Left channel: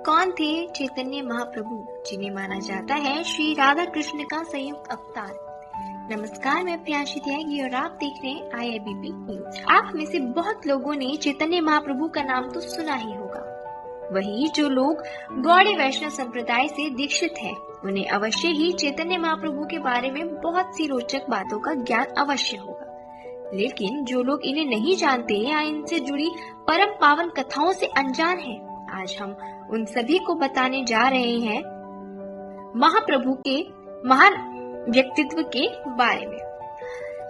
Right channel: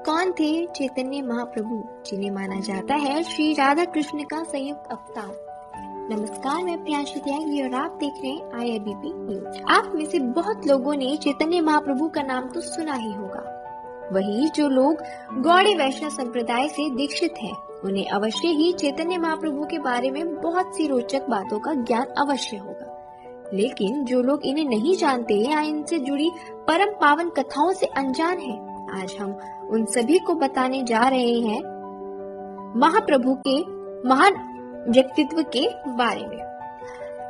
कौन थे चैतन्य महाप्रभु, जिन्हें माना जाता है श्री राधा कृष्ण का संयुक्त अवतार? नमस्कार, मैं प्रियांशी त्यागी और आप देख रहे हैं IIBP न्यूज। आप में से बहुत लोगों ने चैतन्य महाप्रभु का नाम तो सुना ही होगा। वही जो लोग गौड़ीय वैष्णव संप्रदाय से दीक्षित हैं, उन्हें अवश्य ही चैतन्य महाप्रभु के बारे में बहुत सी रोचक बातों का ज्ञान अवश्य होगा। लेकिन जो लोग इन्हें नहीं जानते या इनसे जुड़ी परम पावन कथाओं से अनजान हैं, आज हम उन सभी को बताने जा रहे हैं महाप्रभु के महान व्यक्तित्व के बारे में।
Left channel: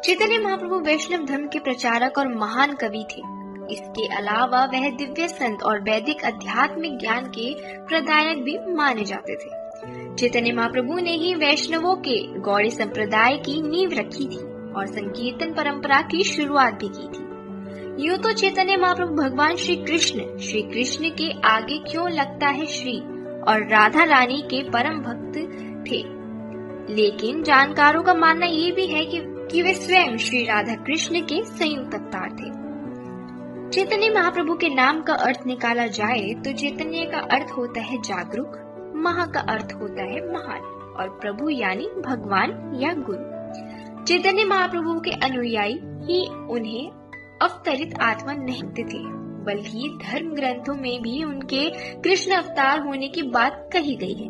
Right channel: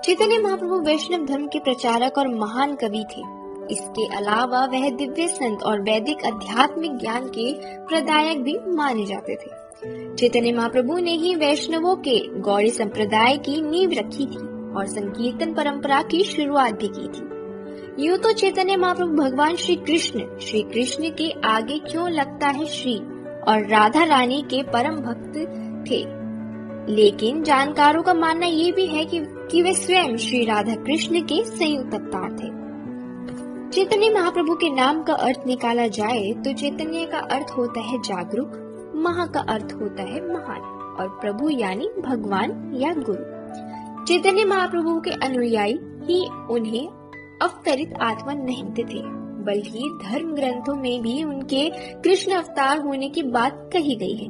चैतन्य महाप्रभु वैष्णव धर्म के प्रचारक और महान कवि थे। इसके अलावा वह दिव्य संत और वैदिक आध्यात्मिक ज्ञान के प्रदायक भी माने जाते थे। चैतन्य महाप्रभु ने ही वैष्णवों के गौड़ीय संप्रदाय की नींव रखी थी और संकीर्तन परंपरा की शुरुआत भी की थी। यूं तो चैतन्य महाप्रभु भगवान श्री कृष्ण के आगे क्यों लगता है श्री और राधा रानी के परम भक्त थे, लेकिन जानकारों का मानना ये भी है कि वे स्वयं श्री राधा कृष्ण के संयुक्त अवतार थे। चैतन्य महाप्रभु के नाम का अर्थ निकाला जाए तो चैतन्य का अर्थ होता है जागरूक, महा का अर्थ होता है महान और प्रभु यानी भगवान या गुरु। चैतन्य महाप्रभु के अनुयायी ही उन्हें अवतरित आत्मा नहीं थे, बल्कि धर्म ग्रंथों में भी उनके कृष्ण अवतार होने की बात कही गई है।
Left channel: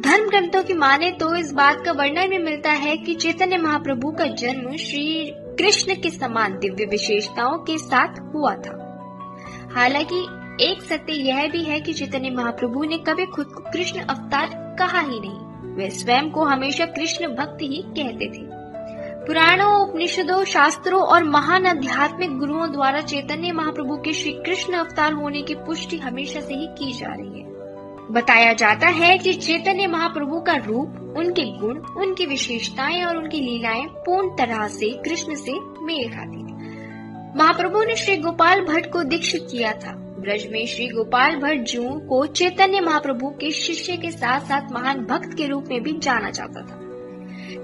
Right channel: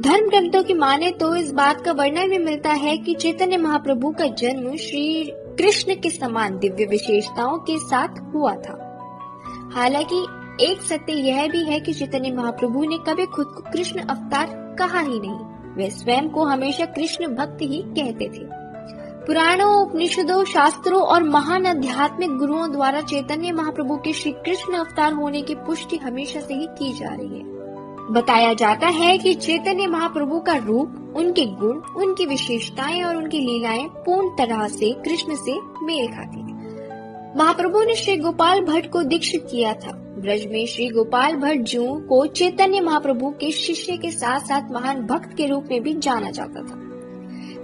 धर्म ग्रंथों की माने तो इस बात का वर्णन भी मिलता है कि चैतन्य महाप्रभु का जन्म श्री कृष्ण के समान दिव्य विशेषताओं के साथ हुआ था। हालांकि एक सत्य यह भी है कि चैतन्य महाप्रभु ने कभी खुद को कृष्ण अवतार कहा ही नहीं। वे स्वयं को हमेशा कृष्ण भक्त ही कहते थे। पुराणों, उपनिषदों, शास्त्रों और महान आध्यात्मिक गुरुओं द्वारा चैतन्य महाप्रभु के श्री कृष्ण अवतार होने की पुष्टि हमेशा से ही की जा रही है। बताया जाता है कि चैतन्य महाप्रभु का रूप, उनके गुण, उनकी विशेषताएं और उनकी लीलाएं पूर्ण तरह से कृष्ण से मेल खाती थी। महाप्रभु ने श्री गोपाल भट्ट को दीक्षित किया था। ब्रज में श्री गोपाल भट्ट जी को चैतन्य महाप्रभु के शिष्य के साथ साथ महान भक्त के रूप में भी जाना जाता था।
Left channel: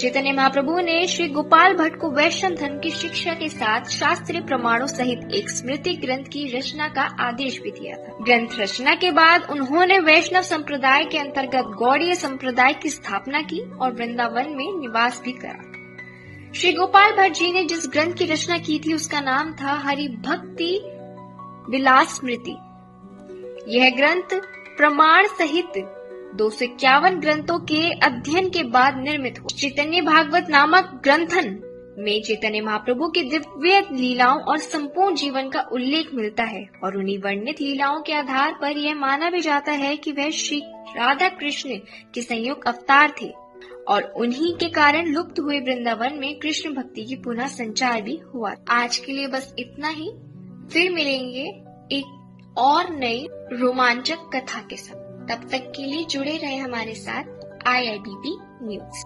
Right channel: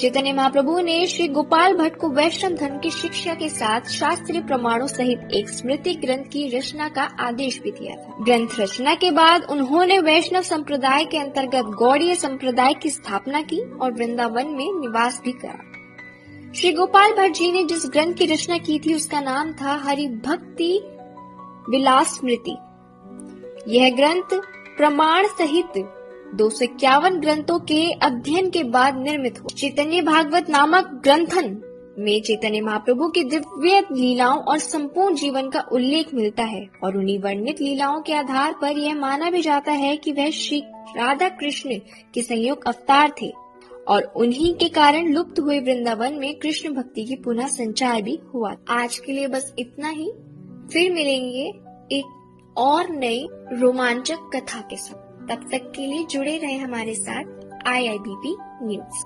चैतन्य महाप्रभु ने श्री गोपाल भट्ट को वैष्णव धर्म की शिक्षा के साथ शास्त्रीय प्रमाणों सहित एक स्मृति ग्रंथ की रचना का आदेश भी दिया था। ग्रंथ रचना के बाद उन्होंने वैष्णव संप्रदाय के अंतर्गत गौड़ीय संप्रदाय की स्थापना की और वृंदावन में निवास भी करा। श्री गोपाल भट्ट जी ने जिस ग्रंथ की रचना की थी उसका नाम था हरि भक्ति विलास स्मृति। यह ग्रंथ प्रमाण सहित 251 ग्रंथों के अध्ययन के बाद निर्मित हुआ। चैतन्य भागवत नामक ग्रंथन में चैतन्य महाप्रभु की दिव्य लीलाओं और संपूर्ण जीवन का उल्लेख मिलता है और उन्हीं वर्णित लीलाओं के आधार पर यह माना भी जाता है कि वह श्री राधा कृष्ण के संयुक्त अवतार थे और उन्हीं के कारण लुप्त हुए वृंदावन में कृष्ण भक्ति की पुनः संचार भी हुआ। आज के लिए बस इतना ही। फिर मिलेंगे एक और नई रोमांचक कथा के साथ। तब तक के लिए जुड़े रहे हमारे साथ IIBP न्यूज।